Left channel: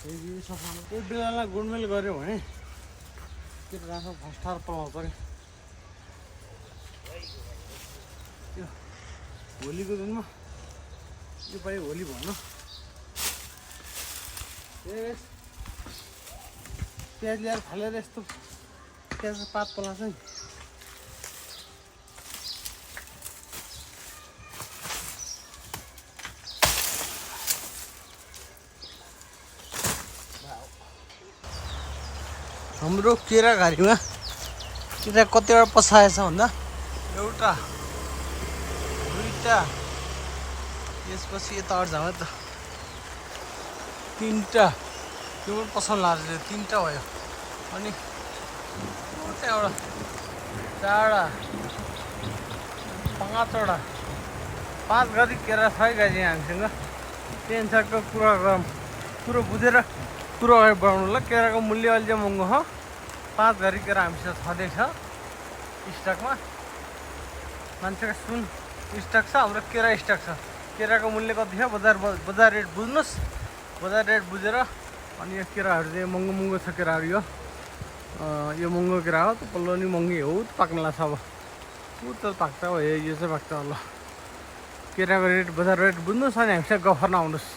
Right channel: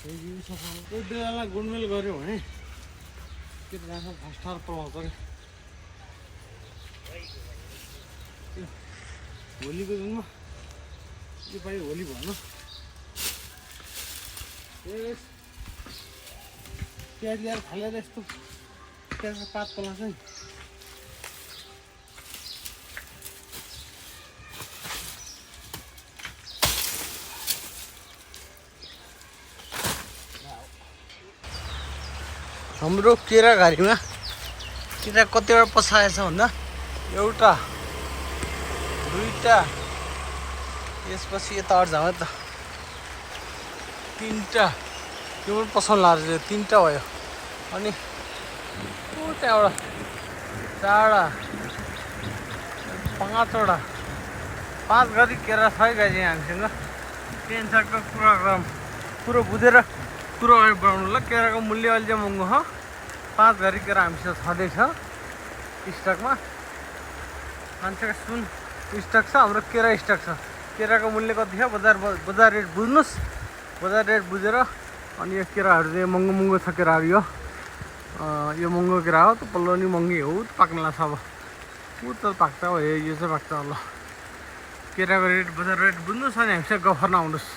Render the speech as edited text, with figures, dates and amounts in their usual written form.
एक बेलालाई गुडमेल गऱ्यो भने के राख्छ फस्टार पलाउँछ क्या त्यो होलीको दिनमा यो पालि होली भएन प्याज ल्याएर फालेर यस्तो प्याजको पात पलाउँछ नि हाम्रो केराघारीमा केरा कतिवटा पसाएछ भन्दा एउटा दुईटा त्यसपछि यता अर्झामा त तीनटा त्यो पनि पसाउनु लाग्यो तीनटा भयो अनि त्यहाँबाट चारवटा पाँचवटा पाँच गरी केरा छ है दाइजी हामीसँग टेन्सनको कुरो बुझेर कुरो अगाडि बढाउनुलाई केराको मूल्य अहिले चाहिँ महँगो छ 5 गरी केरा हामीसँग छँदैछ स्टकमा मान्छेको सुन स्टक छ हाम्रो केरा स्टक छ केराको मूल्य कति छ बजार रेट बुझ्नुहोस् बजार रेट बुझेर अनि यो केराहरू चाहिँ महँगो छ केराहरू यो महँगो केरा हो त पल्लो नि महँगी हो त पाक्न लाग्छ अब ऊ त पाक्छ हो यो चाहिँ पाक्छ ल केराको रेट बजार रेट बुझ्नुहोस् अनि हामीसँग गफर्न आउनुहोस्